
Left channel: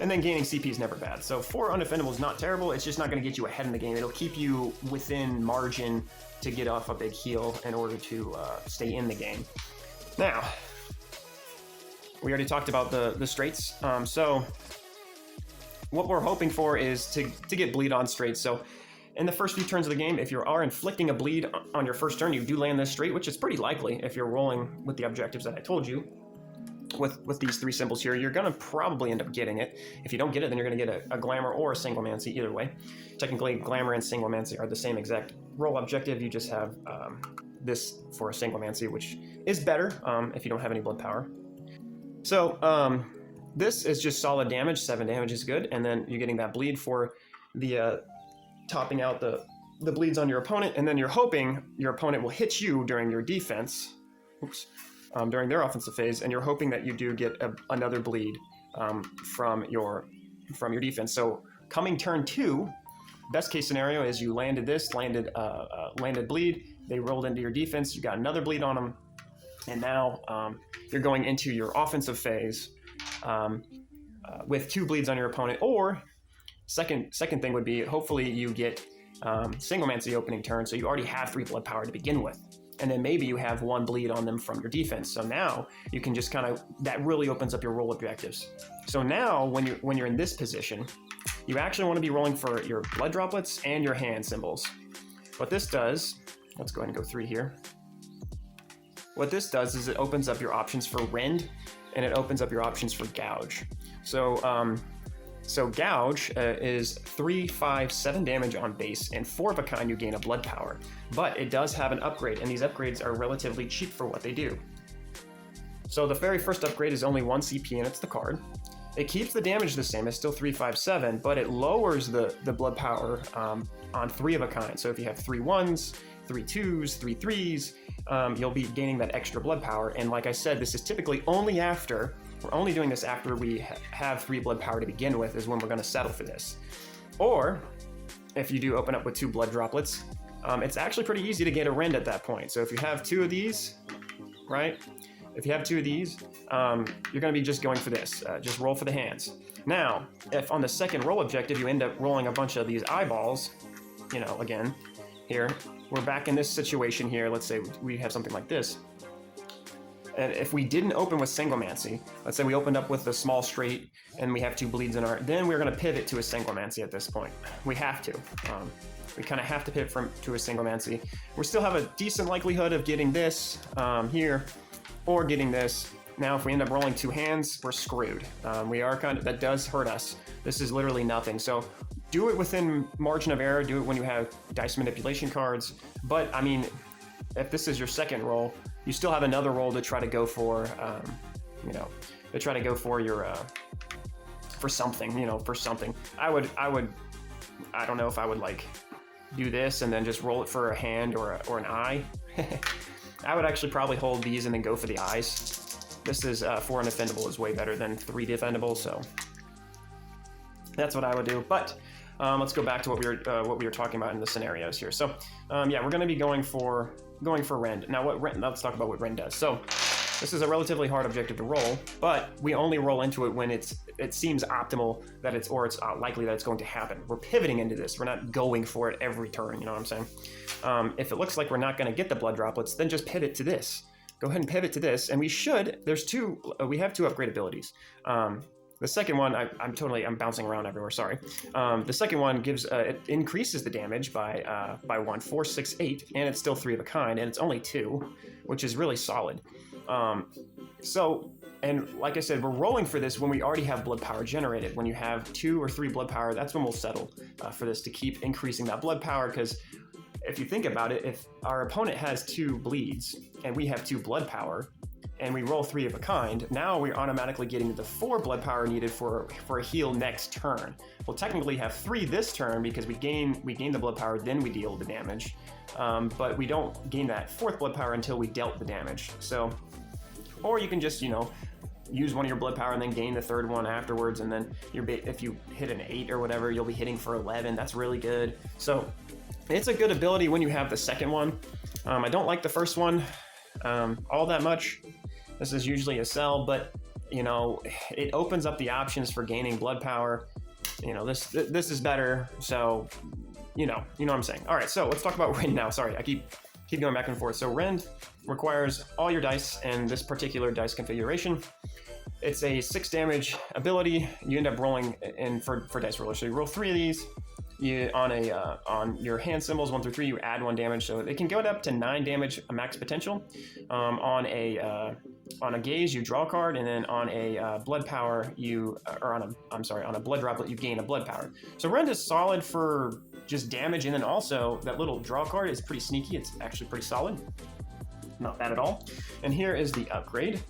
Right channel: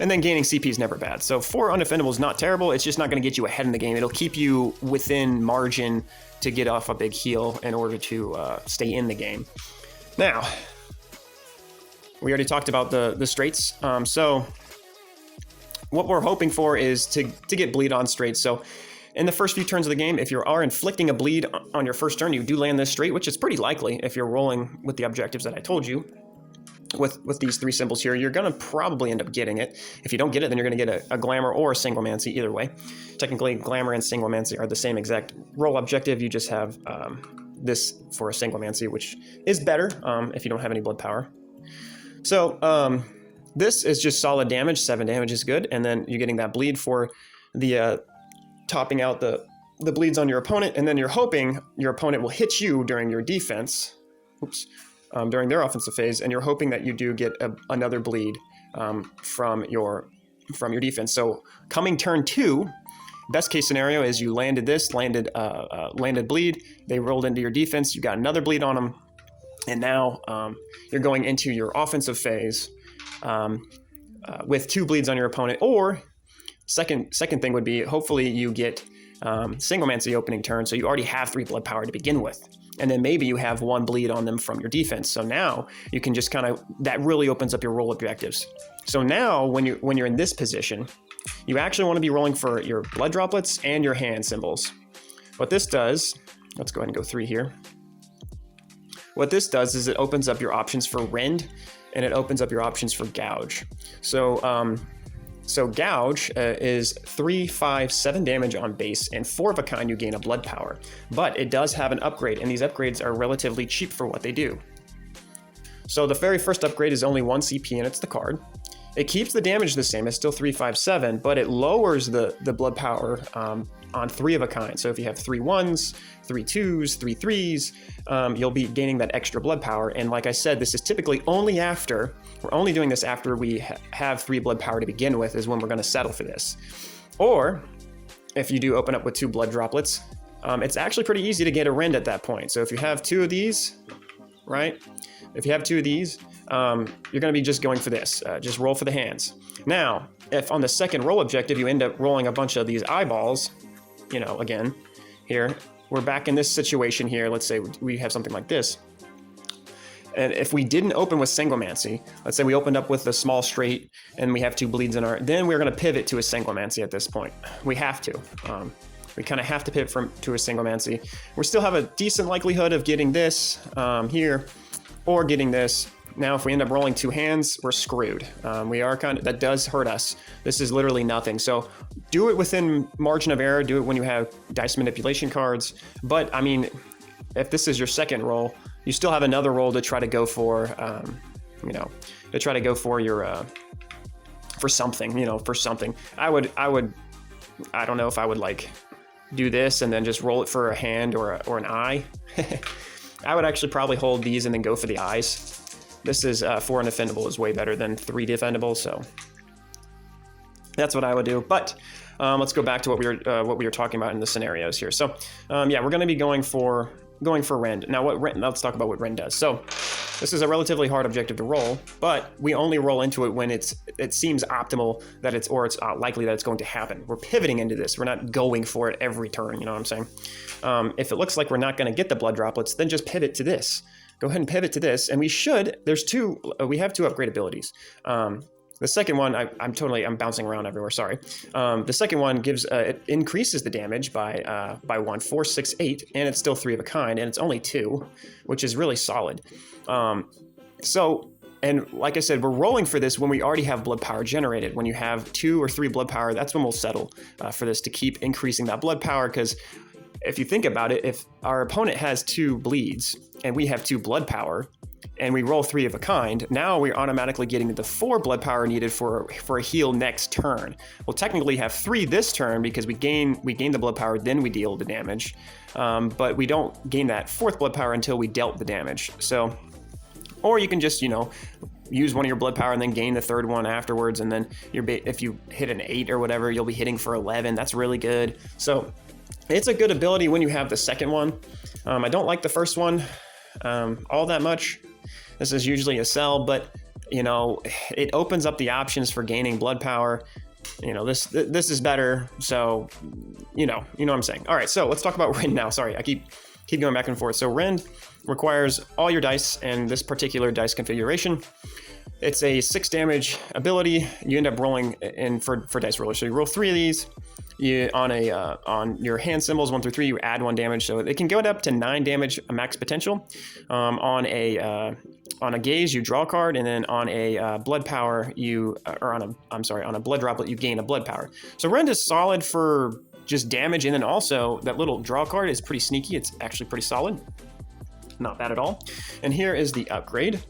And then gaining CP is never bad. So 4 undefendable is not terrible. It's just not going to get you ahead in the game. It'll keep you within margin to get off a big heal in order to stay in the game. Now, we already talked about the straights. So what we're hoping for is to get bleed on straights. So in the first few turns of the game, if you are inflicting a bleed on your first turn, you do land this straight, which is pretty likely if you're rolling with the objectives that I told you. With these 3 symbols here, you're going to probably end up getting it. If you don't get it, then you're going to get a Glamour or a Sanguimancy either way. Technically, Glamour and Sanguimancy are the same exact roll objective. You just have this for a Sanguimancy, which is better if you don't have any blood power. So this is just solid damage. 7 damage is good. And then you're getting that bleed for the topping out the bleeds on your opponent. And then you're hoping your opponent will hit you during your defense. Oops. During their offensive phase, and you're hoping that you do get another bleed from your defense. So coming turn 2, best case scenario is you landed bleed, they rolled into your defense, you got another bleed on them, and now you're going into your offensive phase with 2 bleeds on your opponent. Or second thing would be, hopefully you get Sanguimancy opening turn, so you already have 3 blood power to begin with. And then maybe you have 1 bleed on them from your defense. So now you can just that really opens up your roll objectives. So now when you're in this position, you actually want to be rolling for your blood droplets and your hand symbols. What this does, let's go ahead and go 3 here. What this does is it opens up your options for Rend, and it opens up your options for Gouge. So Gouge is 3, 5, 7 damage on base, and 4 of a kind you gain a blood power. But it does have an upgrade, and these upgrades are relatively cheap for what they do. So the very first upgrade is only 1 CP, and it's the card. It keeps the damage the same, it's still 3, 5, 7, but it lowers the blood power on 3 of a kind. So if you have 3 1s, 3 2s, 3 3s, you'll be gaining that extra blood power. And like I said, this is typically we're only doing this after we have 3 blood power to begin with, is when we're going to settle for this. Or if you do open up with 2 blood droplets, it's actually pretty easy to get a Rend at that point. So if you have 2 of these, right? If you have 2 of these, you're going to be just going for this. Just roll for the hands. Now, if on the second roll objective you end up rolling a bunch of these eyeballs, again, here, we're back in this situation here. Let's say we have something like this. And if we didn't open with Sanguimancy, let's say we opened up with a small straight and we have 2 bleeds then we're going to pivot to a Sanguimancy at this point. We have to. We kind of have to pivot to a Sanguimancy. We still have a decent likelihood of getting this here, or getting this. Now, if we end up rolling 2 hands, we're screwed. That does hurt us. This is literally nothing. So do it within margin of error. Do it when you have dice manipulation cards. But I mean, if this is your second roll, you still have another roll to try to go for, to try to go for your, for something, for something. I don't know if I would do this and then just roll it for a hand or an eye. I would actually probably hold these and then go for the eyes. This is 4 undefendable is way better than 3 defendable, so that's what I would do. But let's go back to what we were talking about in the scenarios here. So yeah, we're going to be going for Rend. Now let's talk about what Rend does. So this is a relatively hard objective to roll, but we only roll into it when it seems optimal that it's likely that it's going to happen. We're pivoting into this. We're not going for it every turn. You know what I'm saying? If it looks like we're not going to get the blood droplets, then just pivot to this. Go ahead and pivot to this, and we have 2 upgrade abilities. The second one, I'm bouncing around everywhere, sorry. The second one it increases the damage by 1, 4, 6, 8, and it's still 3 of a kind, and it's only 2, which is really solid. And like I said, we're rolling for this when we already have blood power generated. When you have 2 or 3 blood power, that's when we'll settle for this, to keep increasing that blood power, because if you think about it, if our opponent has 2 bleeds and we have 2 blood power and we roll 3 of a kind, now we're automatically getting the 4 blood power needed for a heal next turn. We'll technically have 3 this turn because we gain the blood power, then we deal the damage. But we don't gain that 4th blood power until we dealt the damage. So, or you can just, use one of your blood power and then gain the 3rd one afterwards. And then if you hit an 8 or whatever, you'll be hitting for 11. That's really good. So it's a good ability when you have the second one. I don't like the first one all that much. This is usually a sell, but it opens up the options for gaining blood power. This is better. So you know what I'm saying. All right, so let's talk about Rend now. Sorry, I keep going back and forth. So Rend requires all your dice and this particular dice configuration. It's a 6 damage ability. You end up rolling in for dice roller. So you roll 3 of these. You on your hand symbols 1 through 3, you add 1 damage, so it can go up to 9 damage max potential. On a gaze, you draw a card, and then on a blood power, on a blood droplet, you gain a blood power. So Rend is solid for just damage, and then also that little draw card is pretty sneaky. It's actually pretty solid, not bad at all. And here is the upgrade.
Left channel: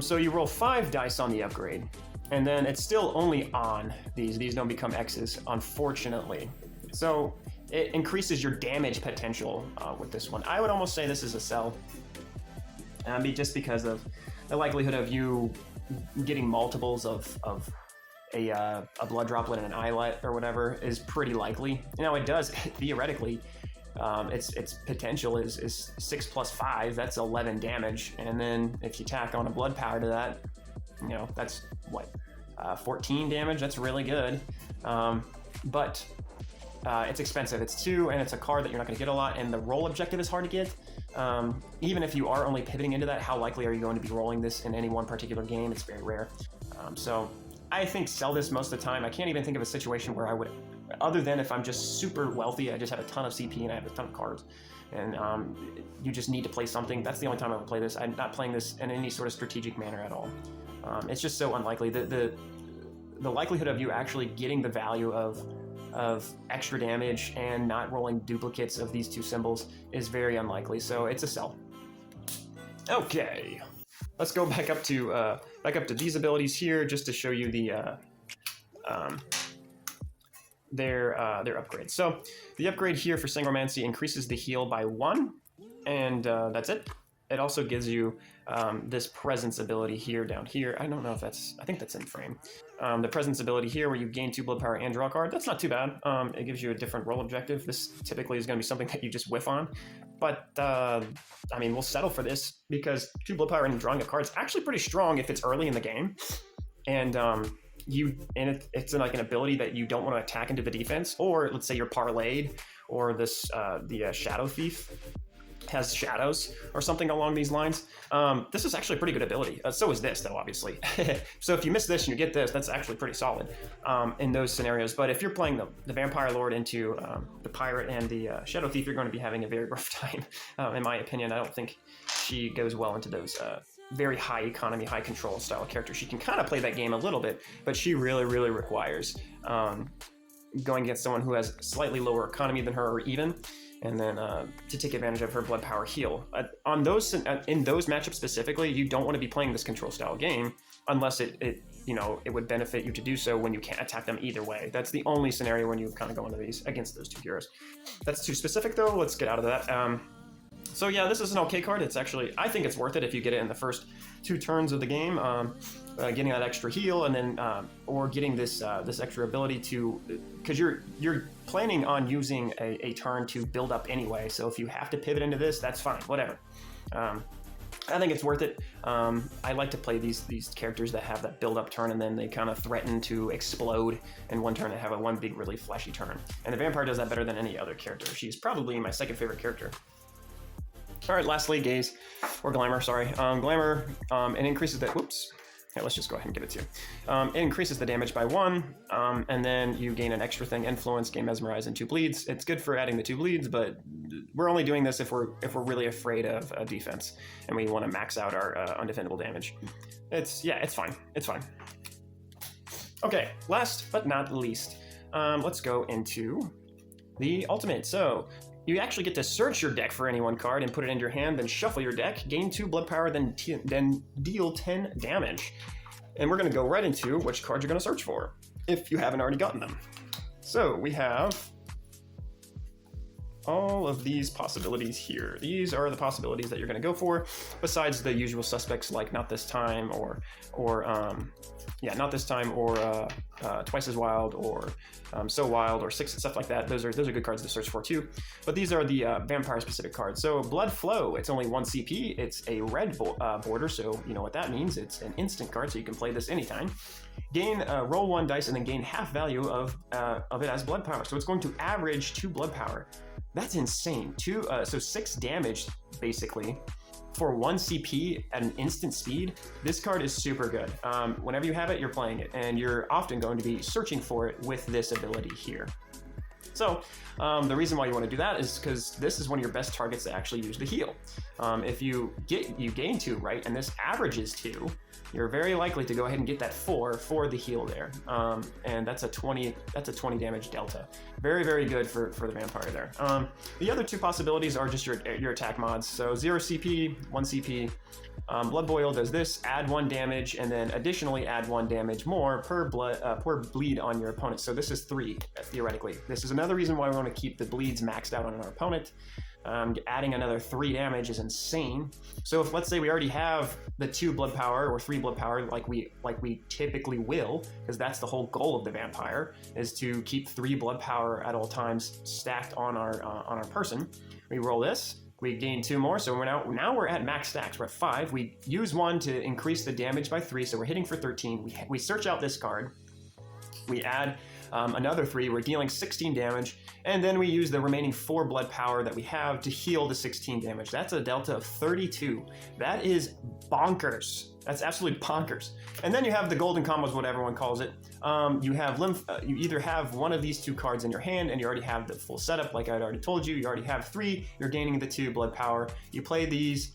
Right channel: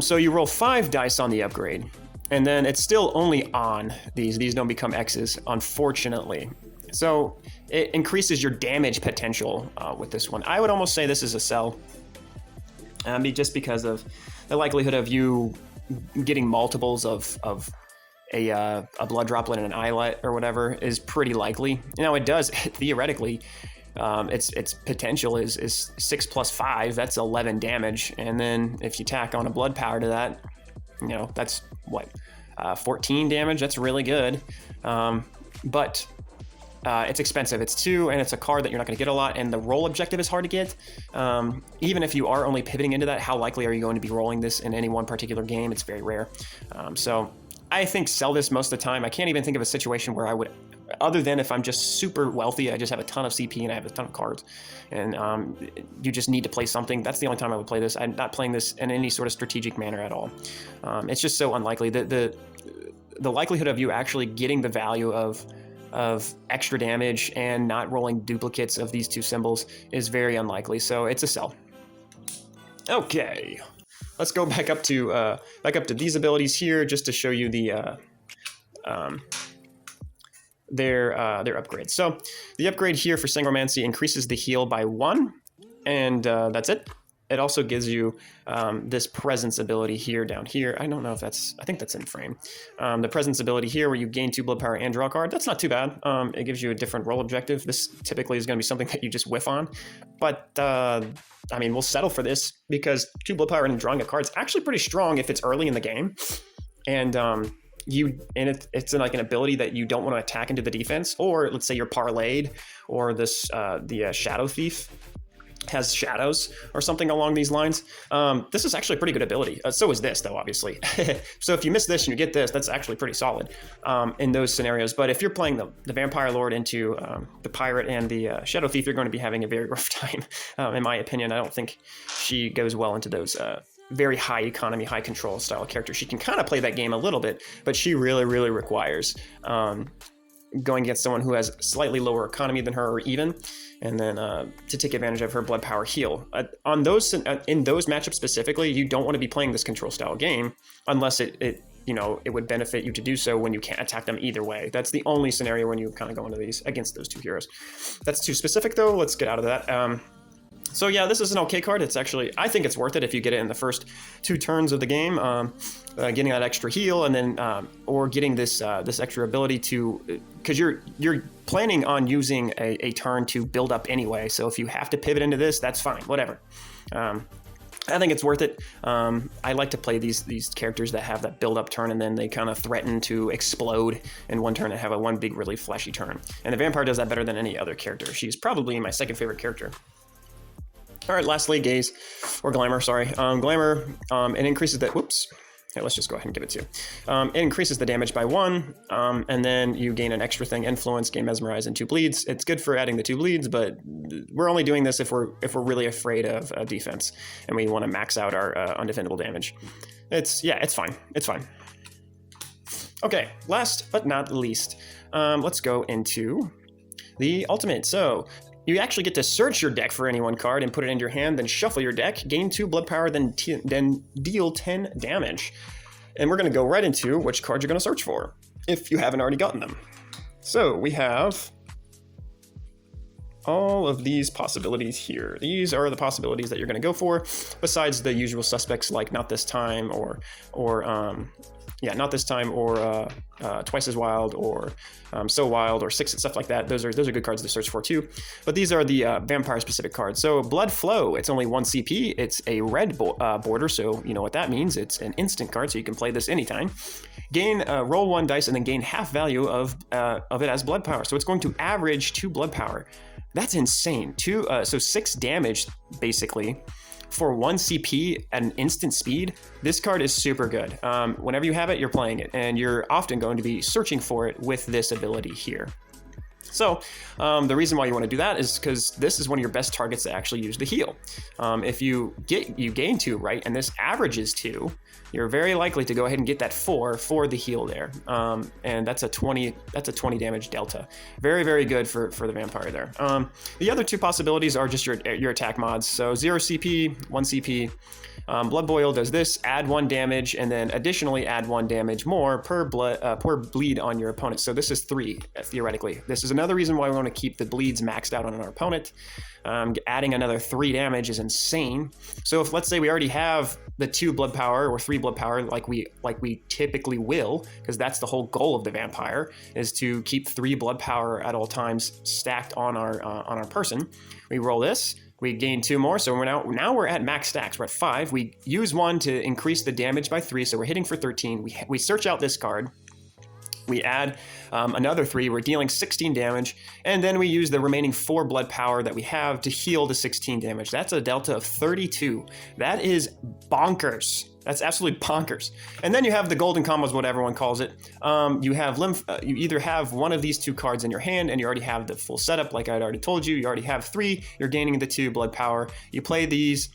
So you roll 5 dice on the upgrade. And then it's still only on these. These don't become X's, unfortunately. So it increases your damage potential with this one. I would almost say this is a sell, just because of the likelihood of you getting multiples of a blood droplet and an eyelet or whatever is pretty likely. Now it does theoretically. Its potential is 6 plus 5. That's 11 damage, and then if you tack on a blood power to that, that's what, 14 damage. That's really good, but it's expensive. It's 2, and it's a card that you're not going to get a lot, and the roll objective is hard to get. Even if you are only pivoting into that, how likely are you going to be rolling this in any one particular game? It's very rare. So I think sell this most of the time. I can't even think of a situation where I would, other than if I'm just super wealthy, I just have a ton of CP and I have a ton of cards, and you just need to play something. That's the only time I would play this. I'm not playing this in any sort of strategic manner at all. It's just so unlikely. The likelihood of you actually getting the value of extra damage and not rolling duplicates of these 2 symbols is very unlikely. So it's a sell. Okay, let's go back up to these abilities here just to show you their upgrades. So the upgrade here for Sangromancy increases the heal by 1, and that's it. It also gives you this presence ability here down here. I don't know if I think that's in frame. The presence ability here where you gain 2 blood power and draw a card. That's not too bad. It gives you a different roll objective. This typically is going to be something that you just whiff on. But I mean, we'll settle for this because 2 blood power and drawing a card is actually pretty strong if it's early in the game. And it's like an ability that you don't want to attack into the defense, or let's say you're parlayed, or this the Shadow Thief has shadows or something along these lines. This is actually a pretty good ability. So is this, though, obviously. So if you miss this and you get this, that's actually pretty solid in those scenarios. But if you're playing the Vampire Lord into the Pirate and the Shadow Thief, you're going to be having a very rough time, in my opinion. I don't think she goes well into those very high economy, high control style characters. She can kind of play that game a little bit, but she really, really requires going against someone who has slightly lower economy than her, or even, and then to take advantage of her blood power heal. In those matchups specifically, you don't want to be playing this control style game unless it would benefit you to do so when you can't attack them either way. That's the only scenario when you kind of go into these against those 2 heroes. That's too specific, though. Let's get out of that. So yeah, this is an okay card. It's actually, I think it's worth it if you get it in the first 2 turns of the game, getting that extra heal, and then or getting this extra ability to, because you're planning on using a turn to build up anyway. So if you have to pivot into this, that's fine, whatever. I think it's worth it. I like to play these characters that have that build up turn, and then they kind of threaten to explode in one turn and have one big, really flashy turn. And the Vampire does that better than any other character. She's probably my second favorite character. All right, lastly, Gaze, or Glamour, sorry. Glamour, it increases the, whoops. Okay, let's just go ahead and give it to you. It increases the damage by 1, and then you gain an extra thing, Influence, gain Mesmerize, and 2 bleeds. It's good for adding the 2 bleeds, but we're only doing this if we're really afraid of defense, and we want to max out our undefendable damage. It's fine. It's fine. Okay, last but not least, let's go into the ultimate. So you actually get to search your deck for any one card and put it into your hand, then shuffle your deck, gain 2 blood power, then deal 10 damage. And we're going to go right into which cards you're going to search for, if you haven't already gotten them. So we have all of these possibilities here. These are the possibilities that you're going to go for, besides the usual suspects like Not This Time, or Not This Time, or Twice as Wild, or So Wild, or Six, and stuff like that. Those are good cards to search for too. But these are the vampire-specific cards. So Blood Flow, it's only 1 CP. It's a red border, so you know what that means. It's an instant card, so you can play this anytime. Roll 1 dice and then gain half value of it as blood power. So it's going to average 2 blood power. That's insane. So 6 damage, basically. for 1 CP and instant speed, this card is super good. Whenever you have it, you're playing it, and you're often going to be searching for it with this ability here. So the reason why you want to do that is because this is one of your best targets to actually use the heal. If you gain 2, right, and this averages 2, you're very likely to go ahead and get that 4 for the heal there. And that's a 20 damage delta. Very, very good for the vampire there. The other 2 possibilities are just your attack mods. So 0 CP, 1 CP. Blood Boil does this, add 1 damage, and then additionally add 1 damage more per bleed on your opponent. So this is 3, theoretically. This is another reason why we want to keep the bleeds maxed out on our opponent. Adding another 3 damage is insane. So if, let's say, we already have the 2 blood power or 3 blood power like we typically will, because that's the whole goal of the vampire, is to keep 3 blood power at all times stacked on our person. We roll this. We gain 2 more, so now we're at max stacks. We're at 5. We use 1 to increase the damage by 3, so we're hitting for 13. We search out this card. We add another 3. We're dealing 16 damage, and then we use the remaining 4 blood power that we have to heal the 16 damage. That's a delta of 32. That is bonkers. That's absolutely bonkers. And then you have the golden combos, what everyone calls it. You have you either have one of these 2 cards in your hand and you already have the full setup, like I'd already told you. You already have 3, you're gaining the 2 blood power. You play these,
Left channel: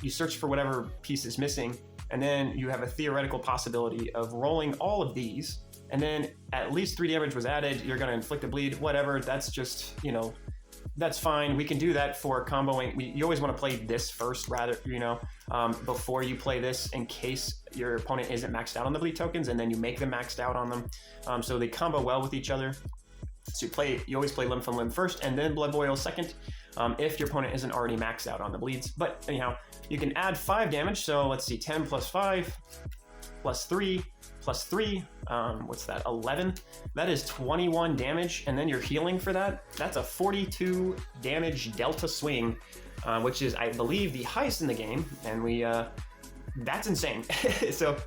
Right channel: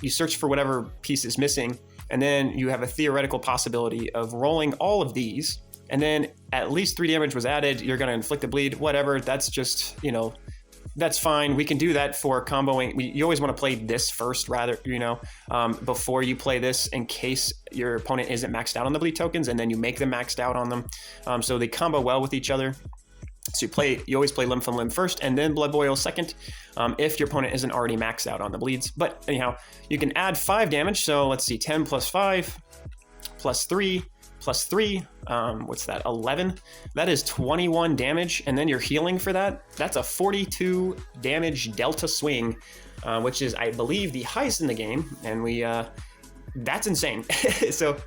you search for whatever piece is missing, and then you have a theoretical possibility of rolling all of these, and then at least 3 damage was added. You're gonna inflict a bleed, whatever. That's just, that's fine. We can do that for comboing. You always want to play this first, rather, before you play this, in case your opponent isn't maxed out on the bleed tokens, and then you make them maxed out on them. So they combo well with each other. So you always play Limb from Limb first, and then Blood Boil second, if your opponent isn't already maxed out on the bleeds. But anyhow, you can add 5 damage. So let's see, 10 plus 5 plus 3 plus 3, what's that, 11? That is 21 damage, and then you're healing for that. That's a 42 damage delta swing, which is, I believe, the highest in the game, and that's insane. So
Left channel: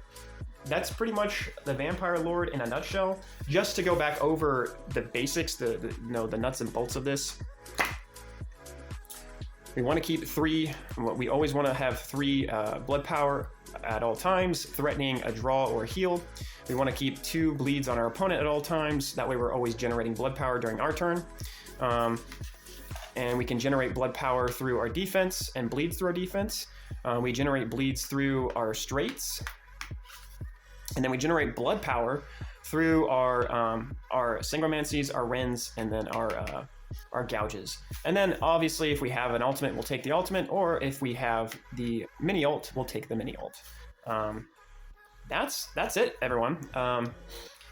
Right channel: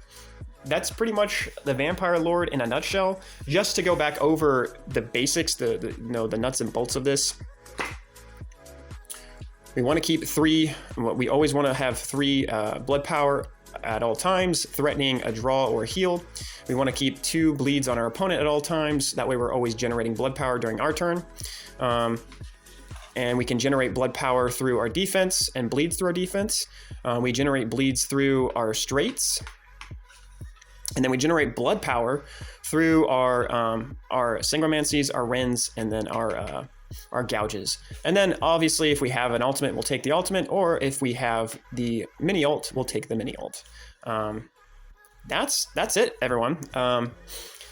that's pretty much the Vampire Lord in a nutshell. Just to go back over the basics, the nuts and bolts of this. We want to keep 3, we always want to have 3 blood power at all times, threatening a draw or heal. We want to keep 2 bleeds on our opponent at all times. That way we're always generating blood power during our turn. And we can generate blood power through our defense and bleeds through our defense. We generate bleeds through our straights. And then we generate blood power through our synchromancies, our rends, and then our gouges. And then obviously if we have an ultimate, we'll take the ultimate, or if we have the mini ult, we'll take the mini ult. That's it, everyone.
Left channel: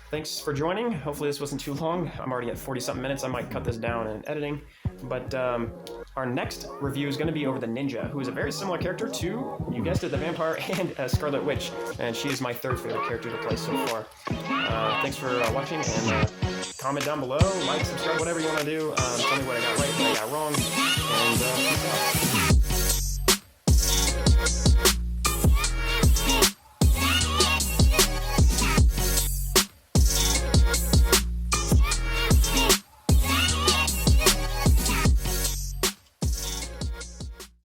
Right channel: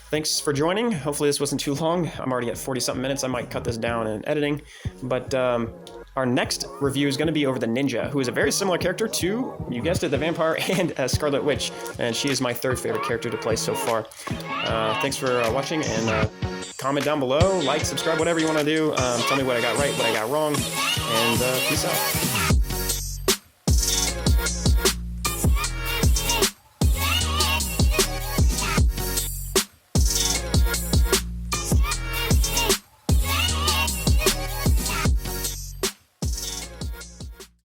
Thanks for joining. Hopefully this wasn't too long. I'm already at 40-something minutes. I might cut this down in editing, but our next review is going to be over the Ninja, who is a very similar character to, you guessed it, the Vampire and Scarlet Witch, and she is my 3rd favorite character to play so far. Thanks for watching, and comment down below, like, subscribe, whatever you want to do. Tell me what I got right, what I got